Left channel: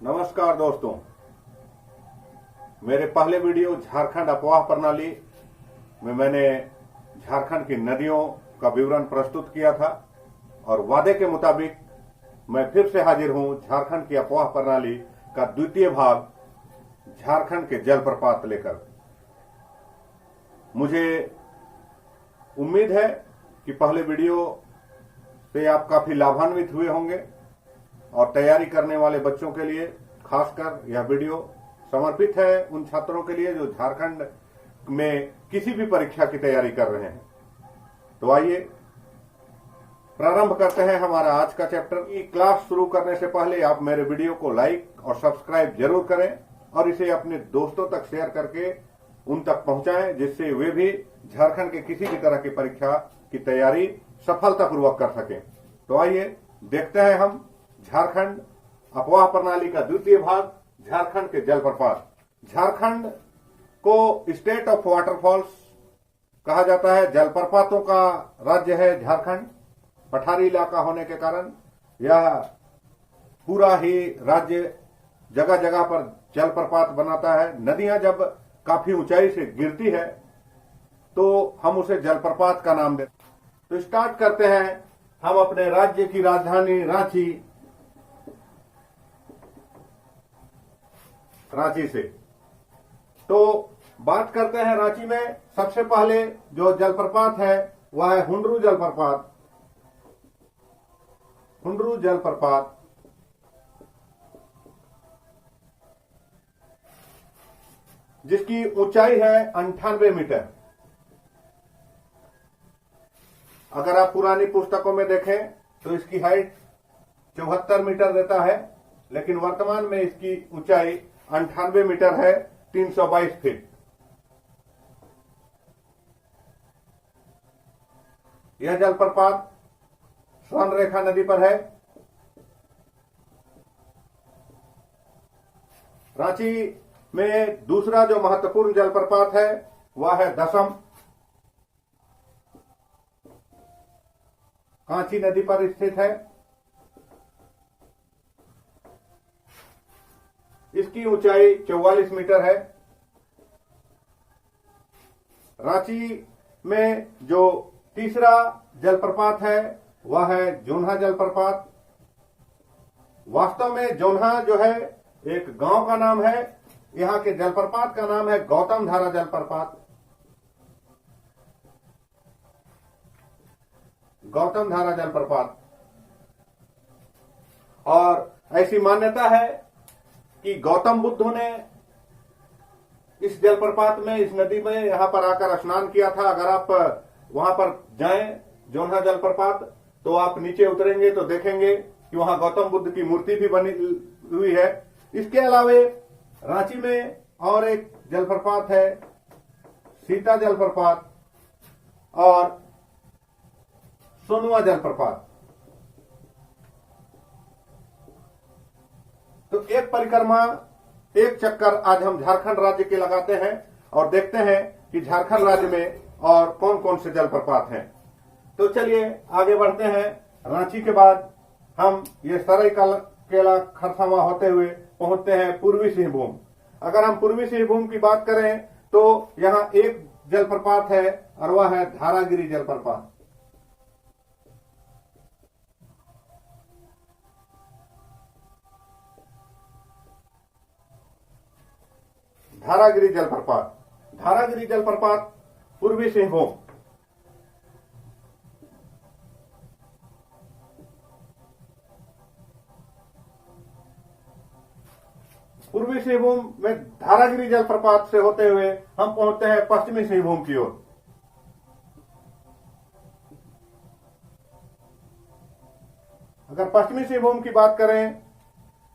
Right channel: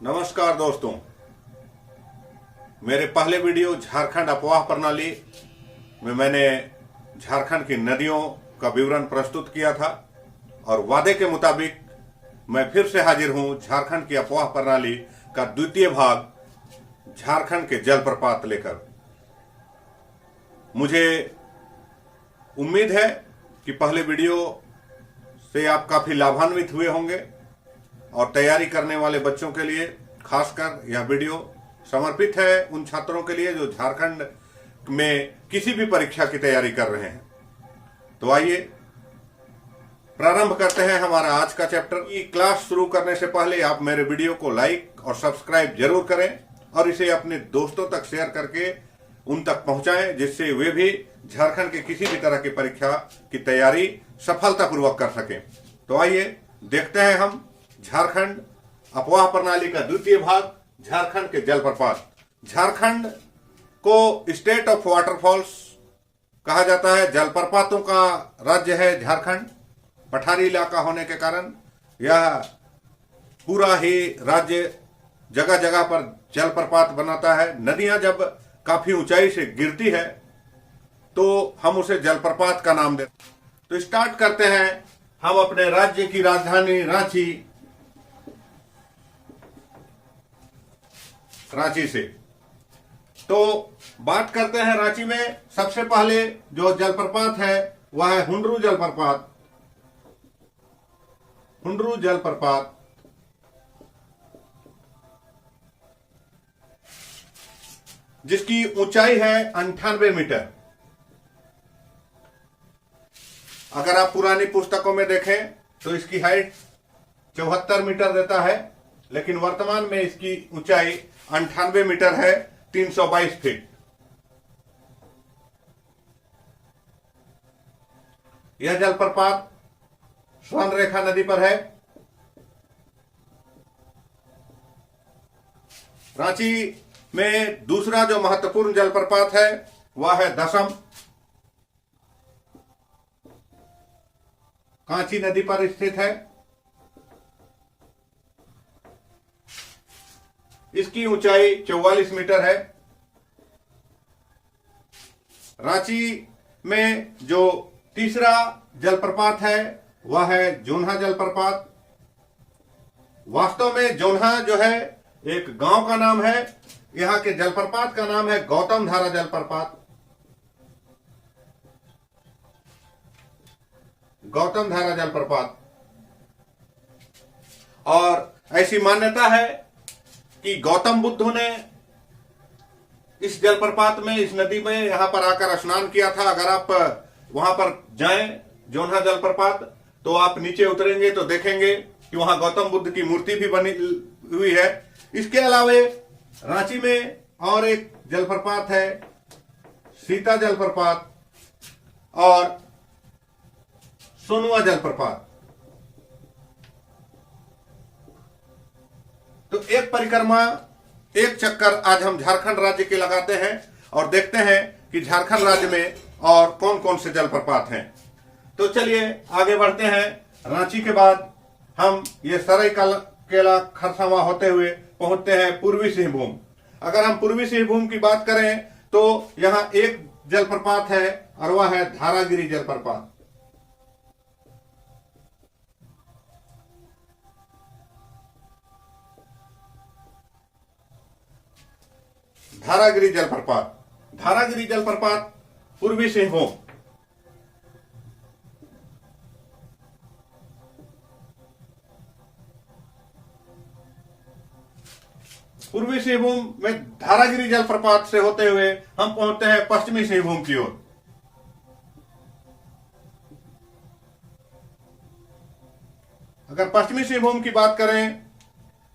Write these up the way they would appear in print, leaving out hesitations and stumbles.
नमस्कार दोस्तों, मेरे पहले वीडियो झारखंड अफवाह प्रणाली में मैंने झारखंड की नदियों का विवरण प्रस्तुत किया था और वादे के मुताबिक मैं फिर से हाजिर हूं झारखंड की अफवाह प्रणाली का द्वितीय भाग झारखंड के जलप्रपात लेकर। मुझे उम्मीद है कि पहले वीडियो से आप काफी लाभान्वित हुए होंगे और तैयारी करने वाले बच्चों के लिए खासकर यह वीडियो समर्पित है उन छात्रों के लिए जो झारखंड में किसी भी परीक्षा की तैयारी कर रहे हैं। तो आइए प्रारंभ करते हैं हमारा आज का चैप्टर। क्लास शुरू करने से पहले आप मेरे वीडियो को लाइक और सब्सक्राइब जरूर करें और इसे अपने दोस्तों तक शेयर करके उन तक पहुंचाएं, जिससे वे भी झारखंड के किसी भी तरह की परीक्षा की तैयारी सफलतापूर्वक कर सकें। तो आइए देखते हैं हम झारखंड अफवाह प्रणाली का द्वितीय भाग, झारखंड के जलप्रपात। झारखंड को स्टेट ऑफ वाटरफॉल्स कहा जाता है। जलप्रपातों का राज्य है झारखंड। पठारी इलाका होने के कारण यह पूरा ही राज्य जगह जगह पर जलप्रपात बनाता है। नदियां जब काफी ऊंचाई से गिरती है तो हम उसे जलप्रपात का नाम देते हैं। तो स्टार्ट करते हैं हम अपने राज्य की राजधानी रांची से। तो बात करते हैं रांची में सबसे पहले जो जलप्रपात है वह है हुंडरू जलप्रपात। हुंडरू जलप्रपात जिसकी ऊंचाई है 98 मीटर। अगर आप पुरानी पुस्तकों में देखें तो इसकी हाइट 74 मीटर देता है, लेकिन वर्तमान में इसकी ऊंचाई 98 मीटर है, 322 फीट। यह जलप्रपात स्वर्णरेखा नदी पर है। रांची में दूसरा जो महत्वपूर्ण जलप्रपात है वह है दशम। कांची नदी पर स्थित है। इसकी ऊंचाई 44 मीटर है। रांची में जो तीसरा जलप्रपात है वह है जोन्हा जलप्रपात। वास्तव में जोन्हा जो है एक गांव का नाम है। यहां के जलप्रपात का नाम है गौतम धारा जलप्रपात। गौतम धारा जलप्रपात। और ऐसी मान्यता है कि गौतम बुद्ध ने इस जलप्रपात में, इस नदी में यहां पर आकर स्नान किया था। अगर आप वहां पर जाएं जोन्हा जलप्रपात तो आप नीचे उतरेंगे तो देखेंगे कि वहां गौतम बुद्ध की मूर्ति भी बनी हुई है। इसके अलावे रांची में और एक जलप्रपात है सीता जलप्रपात और सोनुआ जलप्रपात। तो एक परिक्रमा, एक चक्कर आज हम झारखंड राज्य के लगाते हैं और देखते हैं कि झारखंड राज्य में और कौन कौन से जलप्रपात हैं। तो चलिए आगे बढ़ते हैं। रांची के बाद हम ये सरायकेला खरसावां होते हुए पहुंचते हैं पूर्वी सिंहभूम। अगर हम पूर्वी सिंहभूम की बात करें तो यहां एक जलप्रपात है और वह है धारागिरी जलप्रपात। धारागिरी जलप्रपात। धारागिरी जलप्रपात पूर्वी सिंहभूम। पूर्वी सिंहभूम में धारागिरी जलप्रपात से होते हुए हम पहुंचते हैं पश्चिमी सिंहभूम की ओर। अगर पश्चिमी सिंहभूम की बात करें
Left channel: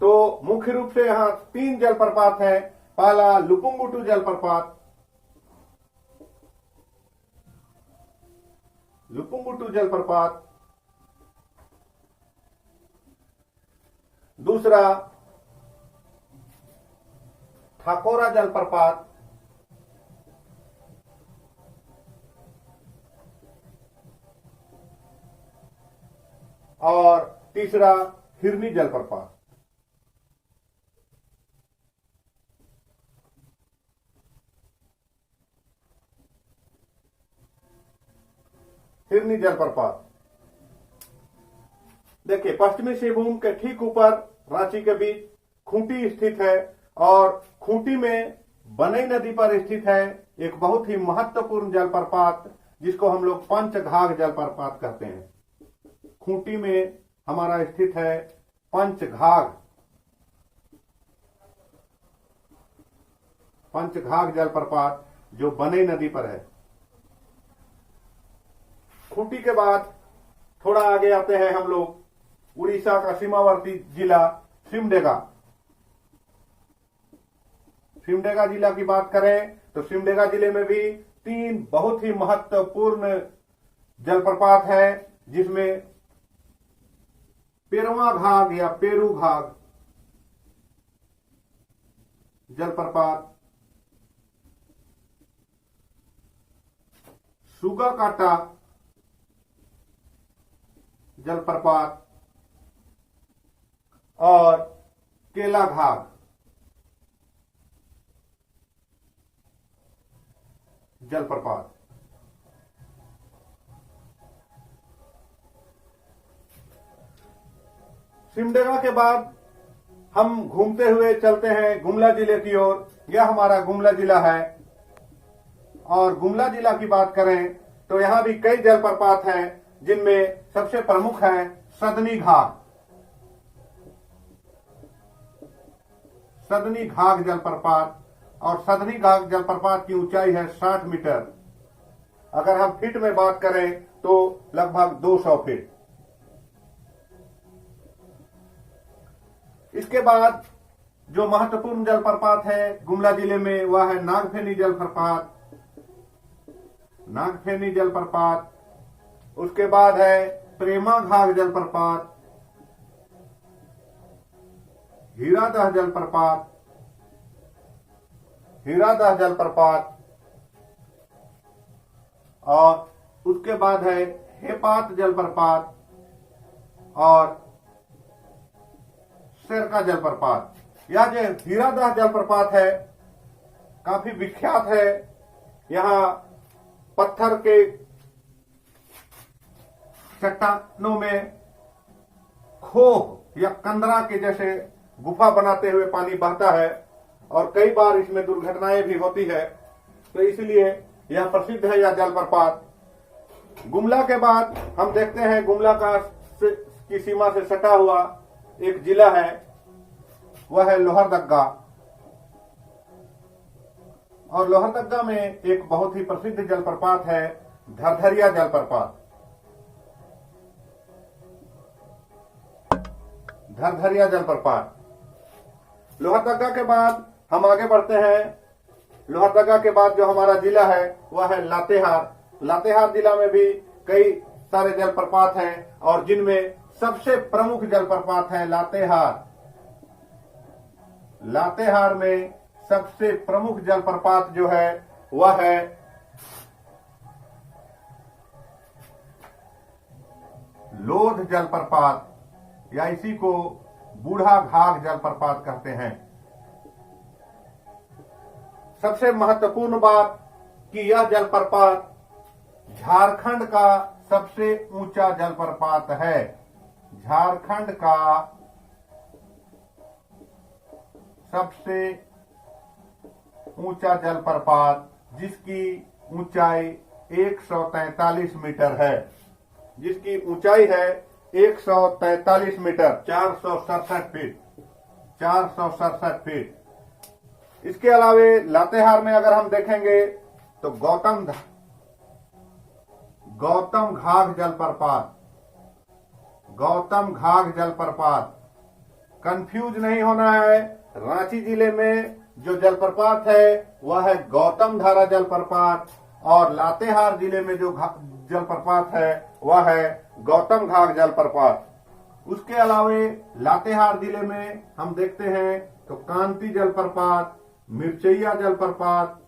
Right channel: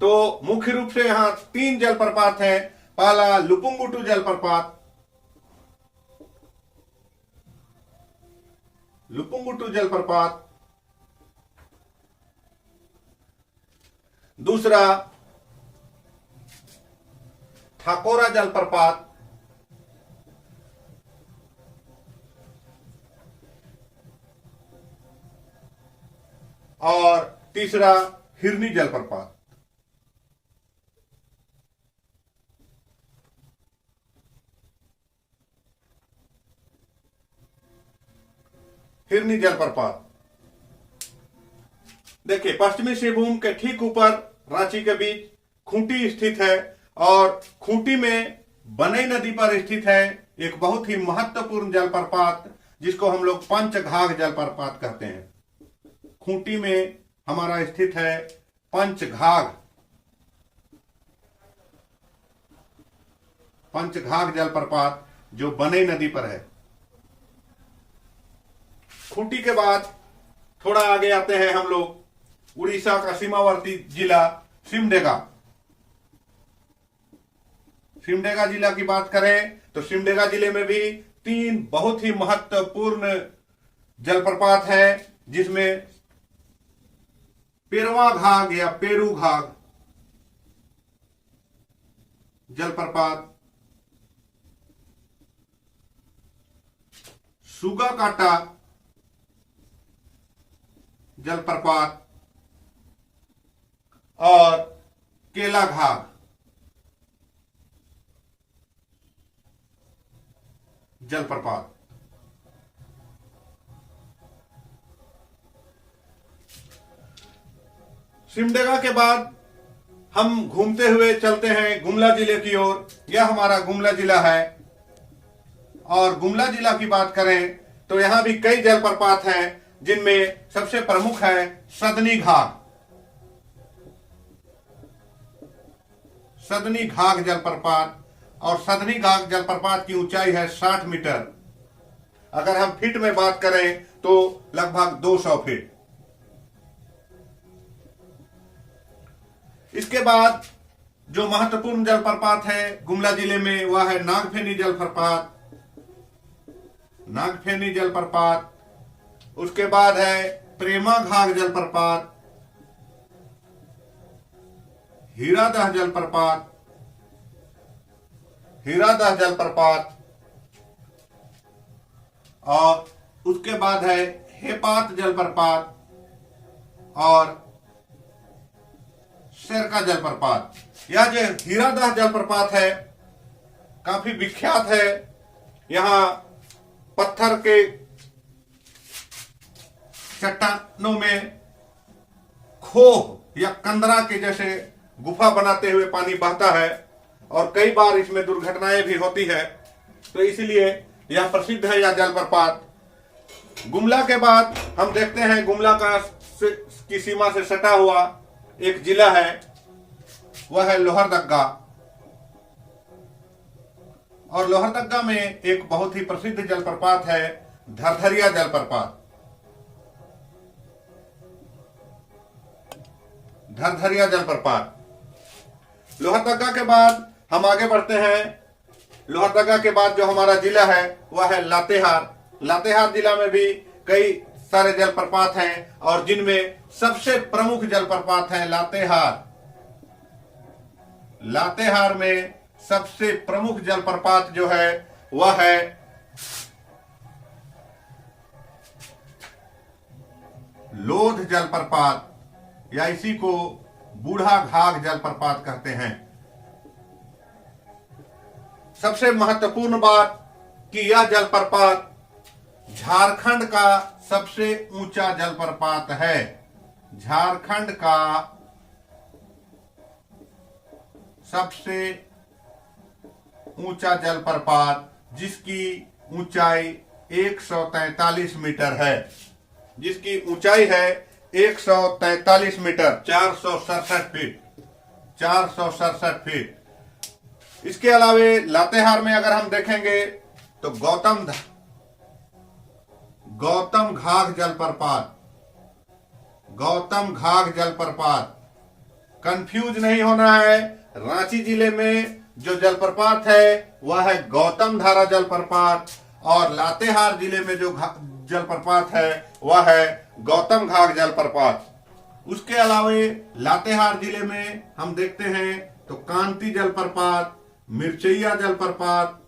तो मुख्य रूप से यहां 3 जलप्रपात हैं। पहला लुपुंगुटू जलप्रपात। लुपुंगुटू जलप्रपात। दूसरा ठाकोरा जलप्रपात। और तीसरा हिरनी जलप्रपात। हिरनी जलप्रपात। देखिए, पश्चिमी सिंहभूम के ठीक ऊपर रांची के बीच खूंटी स्थित है और खूंटी में बनई नदी पर स्थित है एक बहुत ही महत्वपूर्ण जलप्रपात जिसको हम लोग पंचघाघ जलप्रपात कहते हैं। खूंटी में हमारा स्थित है पंचघाघ जलप्रपात जो बनई नदी पर है। खूंटी के बाद थोड़ा आगे आते हैं हम लोग उड़ीसा का सीमावर्ती जिला सिमडेगा। सिमडेगा जिला की बात करें तो सिमडेगा जिले में भी 3 बहुत ही महत्वपूर्ण जलप्रपात है जिसमें पेरवा घाघ या पेरू घाघ जलप्रपात, सुगा काटा जलप्रपात और केला घाघ जलप्रपात। सिमडेगा के बाद हम घूमते हुए चलते हैं गुमला जिले की ओर। यह हमारा गुमला जिला है और गुमला जिला की बात करें तो यहां भी कई जलप्रपात हैं जिनमें सबसे प्रमुख है सदनी घाघ। सदनी घाघ जलप्रपात और सदनी घाघ जलप्रपात की ऊंचाई है 60 मीटर। अगर हम फीट में बात करें तो लगभग 200 फीट। इसके बाद जो महत्वपूर्ण जलप्रपात है गुमला जिले में वह है नागफेनी जलप्रपात। नागफेनी जलप्रपात, उसके बाद है प्रेमा घाघ जलप्रपात, हीरादह जलप्रपात, हीरादह जलप्रपात और उसके बाद है हेपात जलप्रपात और शेरका जलप्रपात। यह जो हीरादह जलप्रपात है काफी विख्यात है। यहां पत्थर के चट्टानों में खोह या कंदरा के जैसे गुफा बनाते हुए पानी बहता है और कई बार इसमें दुर्घटनाएं भी होती है, तो इसलिए यह प्रसिद्ध है यह जलप्रपात। गुमला के बाद हम देखते हैं गुमला की सीमा से सटा हुआ एक जिला है, वह है लोहरदग्गा। और लोहरदग्गा में एक बहुत ही प्रसिद्ध जलप्रपात है धरधरिया जलप्रपात। धरधरिया जलप्रपात। लोहरदग्गा के बाद हम आगे बढ़ते हैं। लोहरदग्गा के बाद जो हमारा जिला है वह है लातेहार। लातेहार जिला में भी कई सारे जलप्रपात हैं और जिनमें सबसे प्रमुख जलप्रपात है लातेहार। लातेहार में सबसे प्रमुख जलप्रपात जो है वह है लोध जलप्रपात या इसी को बूढ़ा घाघ जलप्रपात कहते हैं। सबसे महत्वपूर्ण बात कि यह जलप्रपात झारखंड का सबसे ऊंचा जलप्रपात है। झारखंड का सबसे ऊंचा जलप्रपात जिसकी ऊंचाई 143 मीटर है, जिसकी ऊंचाई है 143 मीटर, 467 फीट, 467 फीट। इसके अलावे लातेहार में अगर हम देखेंगे तो गौतम घाघ जलप्रपात, गौतम घाघ जलप्रपात। कंफ्यूज नहीं होना है, रांची जिले में जो जलप्रपात है वह है गौतम धारा जलप्रपात और लातेहार जिले में जो जलप्रपात है वह है गौतम घाघ जलप्रपात। उसके अलावे लातेहार जिले में हम देखते हैं तो कांति जलप्रपात, मिर्चैया जलप्रपात,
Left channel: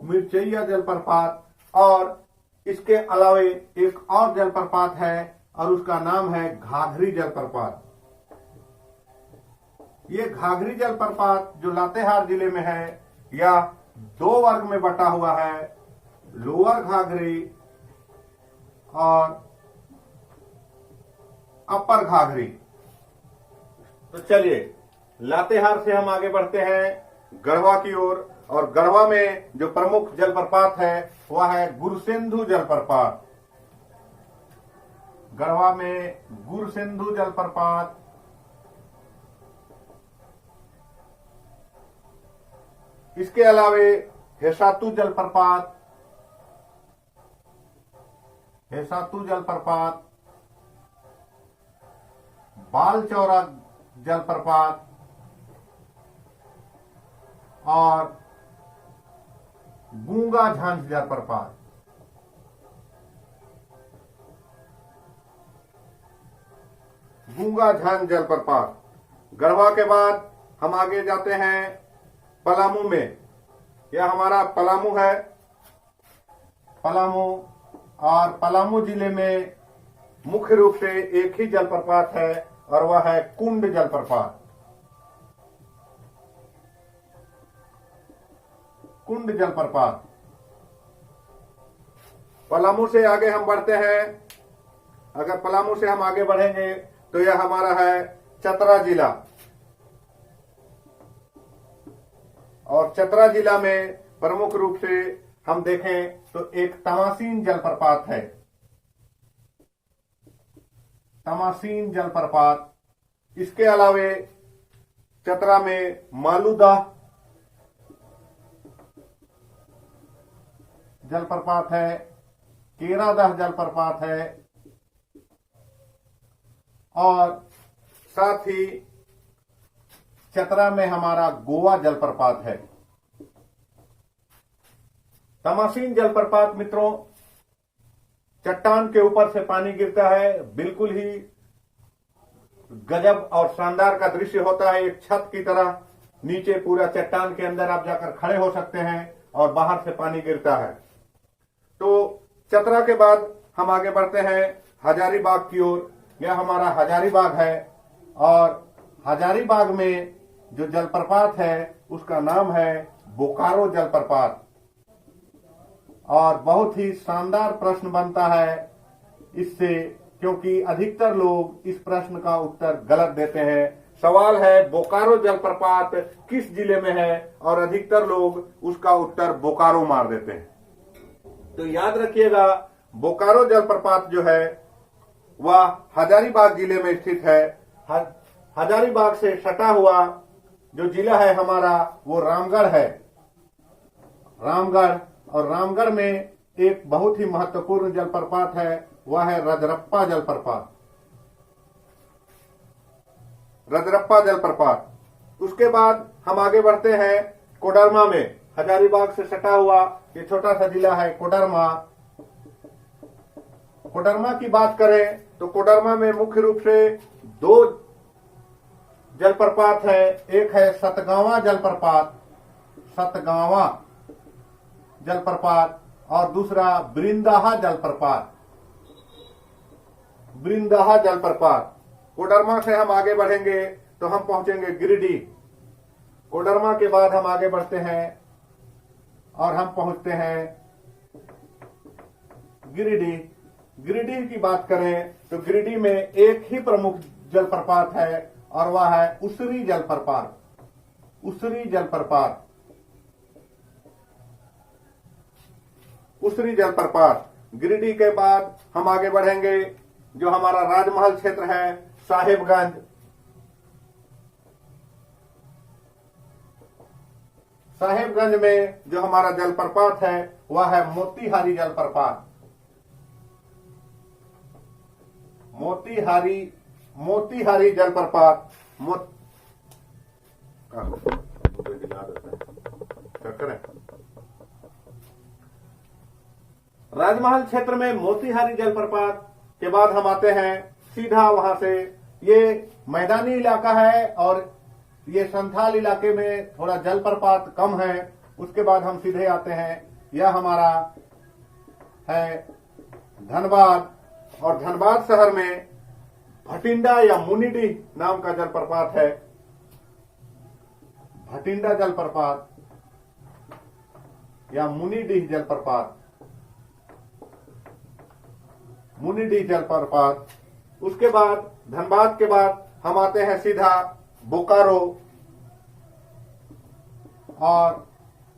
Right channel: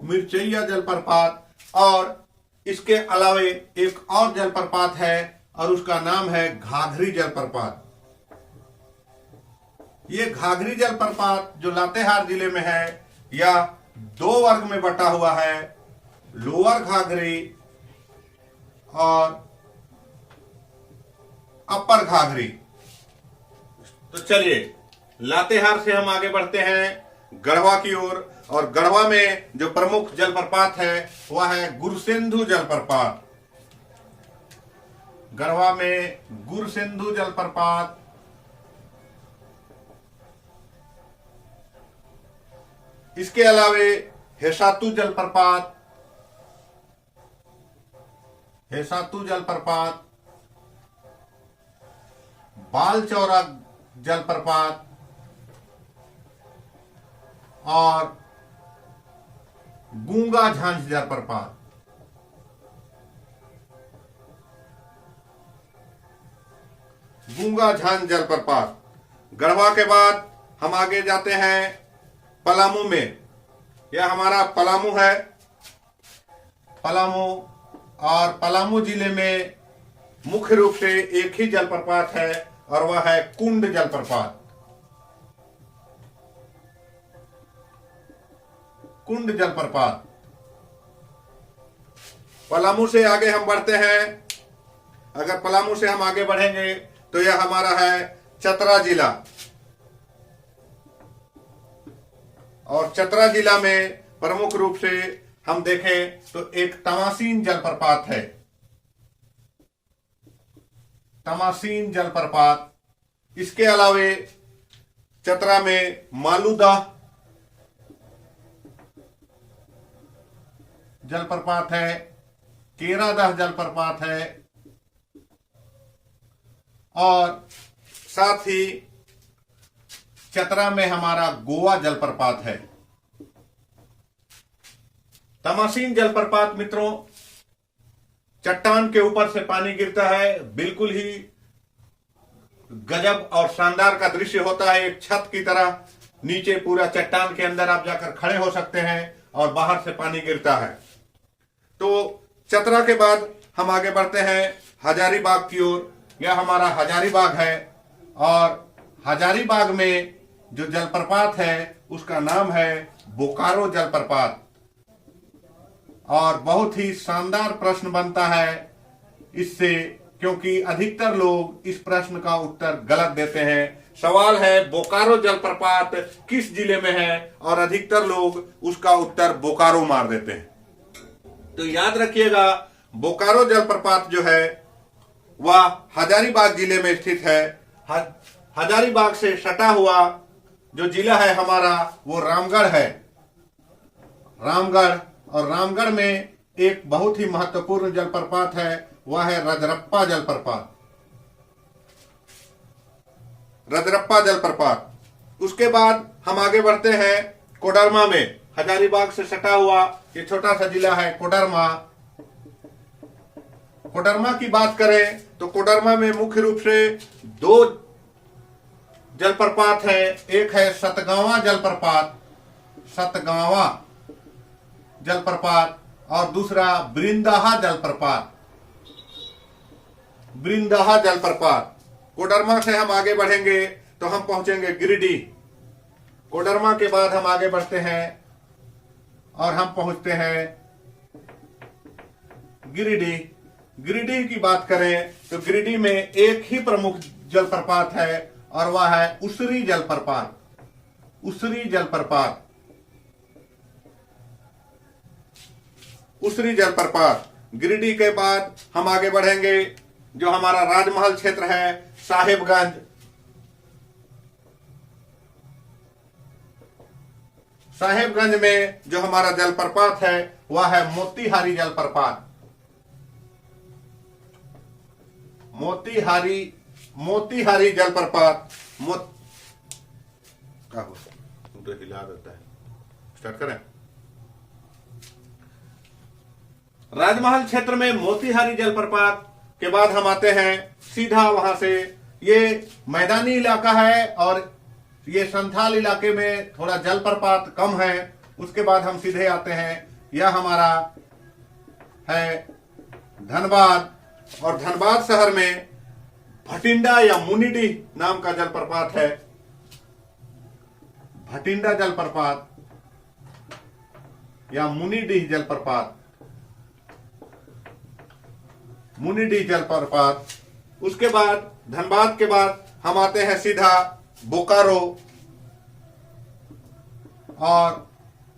मिर्चैया जलप्रपात और इसके अलावे एक और जलप्रपात है और उसका नाम है घाघरी जलप्रपात। ये घाघरी जलप्रपात जो लातेहार जिले में है यह 2 वर्ग में बटा हुआ है। लोअर घाघरी और अपर घाघरी। तो चलिए लातेहार से हम आगे बढ़ते हैं गढ़वा की ओर, और गढ़वा में जो प्रमुख जलप्रपात है वह है गुरसिंधु जलप्रपात। गढ़वा में गुरसिंधु जलप्रपात, इसके अलावे हेसातु जलप्रपात, हेसातु जलप्रपात, बालचौरा जलप्रपात और गूंगा झांझ जलप्रपात। गूंगा झांझ जलप्रपात। गढ़वा के बाद हम आगे जाते हैं पलामू में। यह हमारा पलामू है, पलामू, और पलामू जिले में मुख्य रूप से एक ही जलप्रपात है और वह है कुंड जलप्रपात। कुंड जलप्रपात। पलामू से आगे हम बढ़ते हैं। अगर पलामू से हम आगे बढ़ेंगे तो यह हमारा है चतरा जिला, और चतरा जिला में प्रमुख रूप से हम देखें तो एक तमासीन जलप्रपात है, तमासीन जलप्रपात। इसके अलावे चतरा में मालूदाह जलप्रपात है, केरादाह जलप्रपात है, और साथ ही चतरा में हमारा गोवा जलप्रपात है। तमासीन जलप्रपात मित्रों, चट्टान के ऊपर से पानी गिरता है, बिल्कुल ही गजब और शानदार का दृश्य होता है। एक छत की तरह नीचे पूरा चट्टान के अंदर आप जाकर खड़े हो सकते हैं और बाहर से पानी गिरता है। तो चतरा के बाद हम आगे बढ़ते हैं हजारीबाग की ओर। यह हमारा हजारीबाग है, और हजारीबाग में जो जलप्रपात है उसका नाम है बोकारो जलप्रपात। और बहुत ही शानदार प्रश्न बनता है इससे, क्योंकि अधिकतर लोग इस प्रश्न का उत्तर गलत देते हैं। सवाल है बोकारो जलप्रपात किस जिले में है, और अधिकतर लोग उसका उत्तर बोकारो मार देते हैं। तो याद रखिएगा, बोकारो जलप्रपात जो है वह हजारीबाग जिले में स्थित है। हजारीबाग से सटा हुआ जो जिला है हमारा वो रामगढ़ है, रामगढ़। और रामगढ़ में एक बहुत ही महत्वपूर्ण जलप्रपात है, वह है रजरप्पा जलप्रपात, रजरप्पा जलप्रपात। उसके बाद हम आगे बढ़ते हैं कोडरमा में। हजारीबाग से सटा हुआ ये छोटा सा जिला है कोडरमा। कोडरमा की बात करें तो कोडरमा में मुख्य रूप से दो जलप्रपात है। एक है सतगावा जलप्रपात, सतगावा जलप्रपात, और दूसरा ब्रिंदाहा जलप्रपात, ब्रिंदाहा जलप्रपात। कोडरमा से हम आगे बढ़ेंगे तो हम पहुंचेंगे गिरिडीह। कोडरमा के बाद हम आगे बढ़ते हैं और हम पहुंचते हैं गिरिडीह। गिरिडीह की बात करें तो गिरिडीह में एक ही प्रमुख जलप्रपात है और वह है उसरी जलप्रपात, उसरी जलप्रपात, उसरी जलप्रपात। गिरिडीह के बाद हम आगे बढ़ेंगे जो हमारा राजमहल क्षेत्र है साहेबगंज। साहेबगंज में जो हमारा जलप्रपात है वह है मोतीहारी जलप्रपात, मोतीहारी, मोतीहारी जलप्रपात। राजमहल क्षेत्र में मोतीहारी जलप्रपात के बाद हम आते हैं सीधा वहां से। ये मैदानी इलाका है और ये संथाल इलाके में थोड़ा जलप्रपात कम है। उसके बाद हम सीधे आते हैं, यह हमारा है धनबाद, और धनबाद शहर में भटिंडा या मुनिडीह नाम का जलप्रपात है, भटिंडा जलप्रपात या मुनिडीह जलप्रपात। मुनिडी जलप्रपात। उसके बाद धनबाद के बाद हम आते हैं सीधा बोकारो, और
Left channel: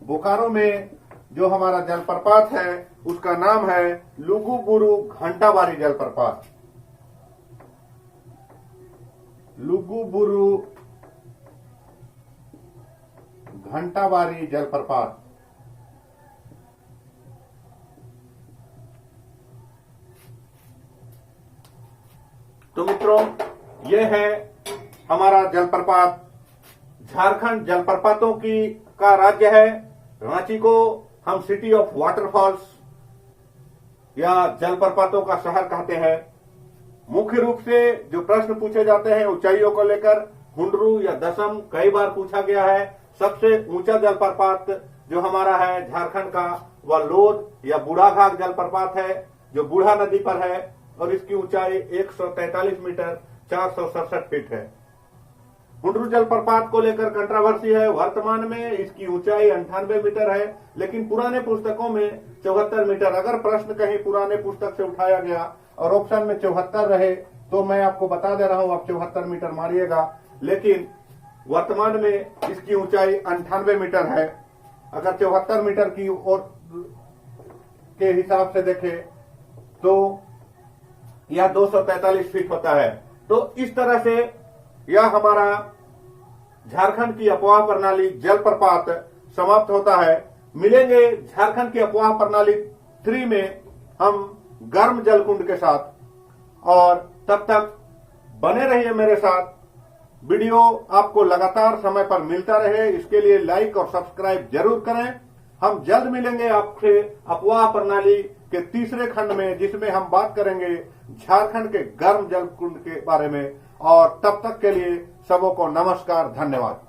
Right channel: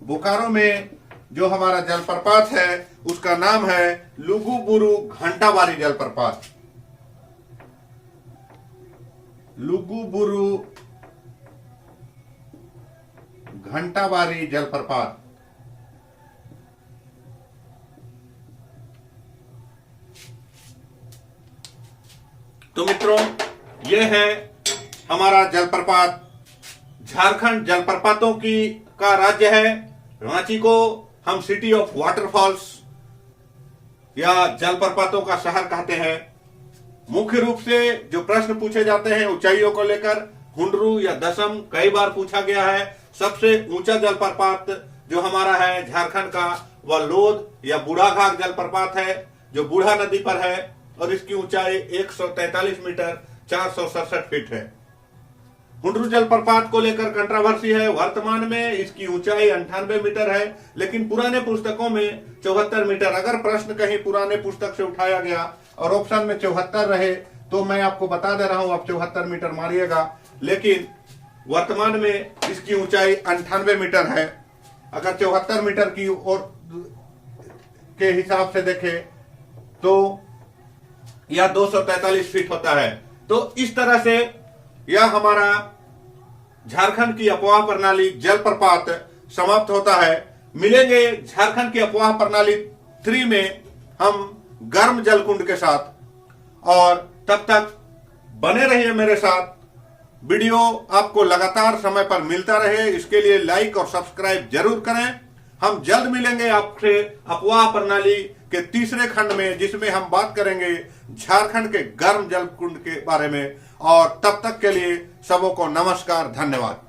बोकारो में जो हमारा जलप्रपात है उसका नाम है लुगुबुरु घंटाबारी जलप्रपात। लुगुबुरु घंटाबारी जलप्रपात। तो मित्रों, यह है हमारा जलप्रपात। झारखंड जलप्रपातों का राज्य है। रांची को हम सिटी ऑफ वाटरफॉल्स या जलप्रपातों का शहर कहते हैं। मुख्य रूप से जो प्रश्न पूछे जाते हैं ऊंचाइयों को लेकर, हुंडरू या दशम कई बार पूछा गया है। सबसे ऊंचा जलप्रपात जो हमारा है झारखंड का वह लोध या बूढ़ाघाट जलप्रपात है, जो बूढ़ा नदी पर है, और इसकी ऊंचाई 143 मीटर 467 फीट है। हुंडरू जलप्रपात को लेकर कंट्रोवर्सी है। वर्तमान में इसकी ऊंचाई 98 मीटर है, लेकिन पुराने पुस्तकों में 74 मीटर। अगर प्रश्न कहीं पुराने पुस्तक से उठाया गया और ऑप्शन में 74 रहे तो मैं आपको बता दे रहा हूं, आप 74 मीटर मारिएगा, लेकिन वर्तमान में इसकी ऊंचाई 98 मीटर है। अगर 74 मीटर की और के हिसाब से देखें तो यह 243 फीट होता है। तो इस तरह से यह हमारा झारखंड की अफवाह प्रणाली जलप्रपात समाप्त होता है। मिलेंगे झारखंड की अफवाह प्रणाली 3 में हम गर्म जलकुंड के साथ, और तब तक बने रहिए मेरे साथ। वीडियो आपको लगातार समय पर मिलता रहे, इसके लिए लाइक और सब्सक्राइब जरूर करें। हम जल्द मिलेंगे आपसे अफवाह प्रणाली के तीसरे खंड में, जिसमें हम बात करेंगे झारखंड के गर्म जलकुंड के बारे में। और तब तक के लिए सबों को नमस्कार, धन्यवाद।